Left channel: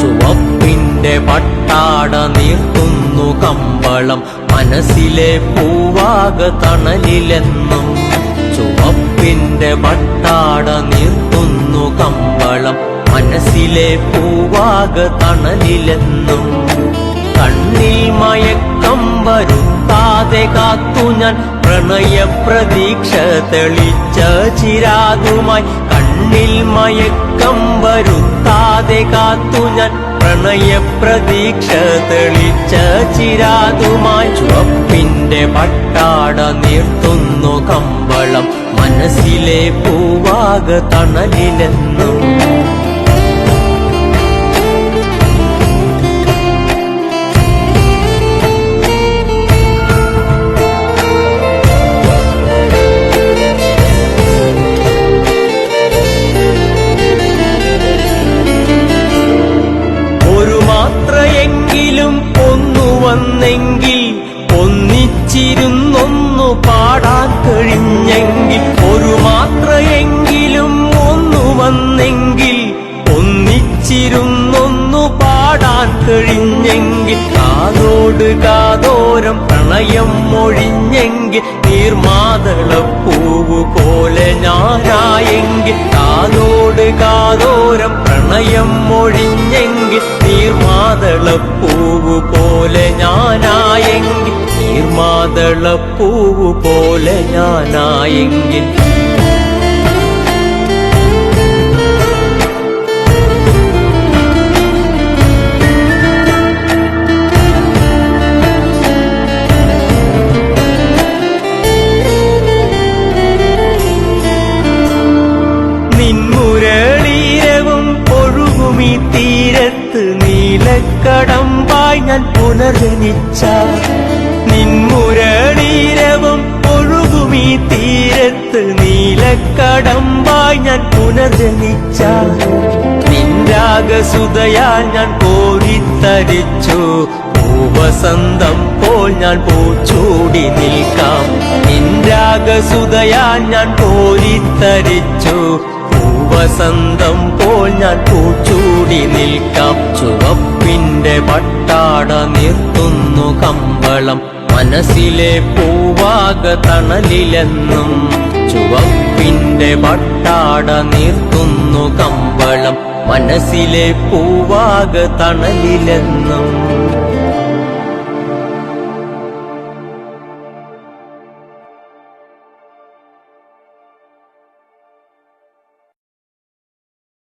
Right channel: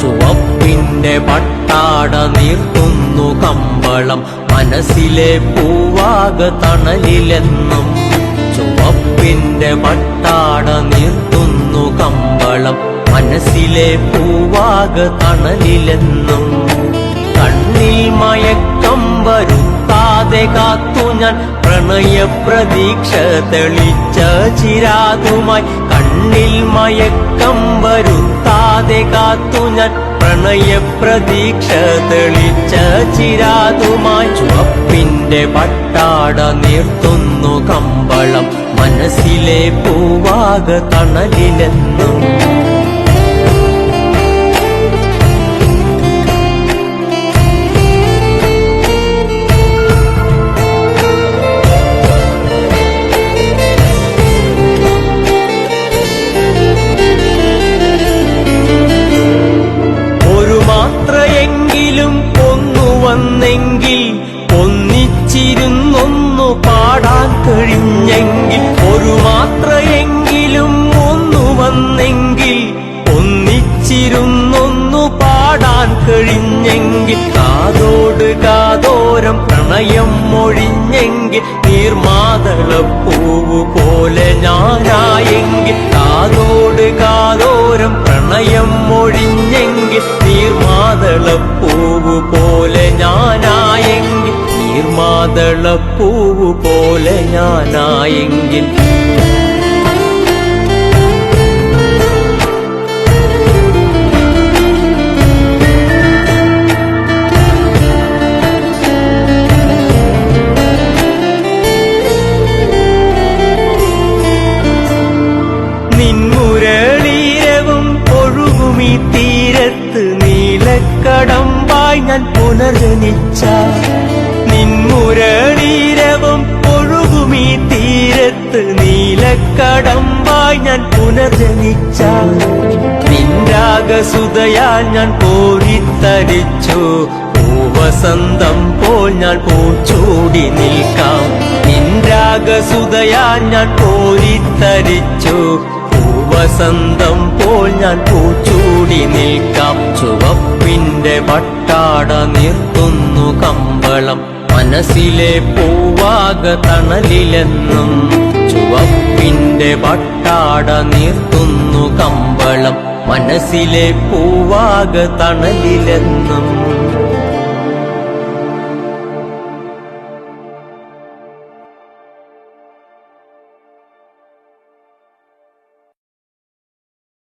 ചുവപ്പിന്റെ പട്ടാട നീർത്തുന്നു കമ്പളം മനസ്സിലെ പൂവാക തണലിലെന്നും. ചുവപ്പിന്റെ പട്ടാട നീർത്തുന്നു കമ്പളം മനസ്സിലെ പൂവാക തണലിലെന്നും. കണ്ണിൽ മയക്കം വരുത്താതെ കാത്തു ഞാൻ പ്രണയപ്രതീക്ഷ തെളിച്ച ചിരാതുമായി. കണ്ണിൽ മയക്കം വരുത്താതെ കാത്തു ഞാൻ പ്രണയപ്രതീക്ഷ തെളിച്ച ചിരാതുമായി. ചുവപ്പിന്റെ പട്ടാട നീർത്തുന്നു കമ്പളം മനസ്സിലെ പൂവാക തണലിലെന്നും. ഒരു മാത്രയെങ്കിലും ഒന്നു വന്നെങ്കിൽ ഒന്നിച്ചിരുന്നൊന്നു പാടാൻ കഴിഞ്ഞെങ്കിൽ. ഒരു മാത്രയെങ്കിലും ഒന്നു വന്നെങ്കിൽ ഒന്നിച്ചിരുന്നൊന്നു പാടാൻ കഴിഞ്ഞെങ്കിൽ. കാതോട് കാതോരം പ്രണയം മൊഴിഞ്ഞെങ്കിൽ നീർമാതളപ്പൂവ് പോലെ ഞാനായെങ്കിൽ. കാതോട് കാതോരം പ്രണയം മൊഴിഞ്ഞെങ്കിൽ നീർമാതളപ്പൂവ് പോലെ ഞാനായെങ്കിൽ. നീർമാതളപ്പൂവ് പോലെ ഞാനായെങ്കിൽ. നിൻമുരളീരവും ഒഴുകുമീ തീരത്ത് നീലക്കടമ്പായി ഞാൻ പുനർജനിച്ച. നിൻമുരളീരവും ഒഴുകുമീ തീരത്ത് നീലക്കടമ്പായി ഞാൻ പുനർജനിച്ച. നിൻരാഗസുതയാൽ ഞാൻ കോരിത്തരിച്ചു പൂവസന്തം പോൽ ഞാൻ പൂച്ചൂടി നിൽക്കാം. നിൻരാഗസുതയാൽ ഞാൻ കോരിത്തരിച്ചു പൂവസന്തം പോൽ ഞാൻ പൂച്ചൂടി നിൽക്കാം. ചുവപ്പിന്റെ പട്ടാട നീർത്തുന്നു കമ്പളം മനസ്സിലെ പൂവാക തണലിലെന്നും. ചുവപ്പിന്റെ പട്ടാട നീർത്തുന്നു കമ്പളം മനസ്സിലെ പൂവാക തണലിലെന്നും.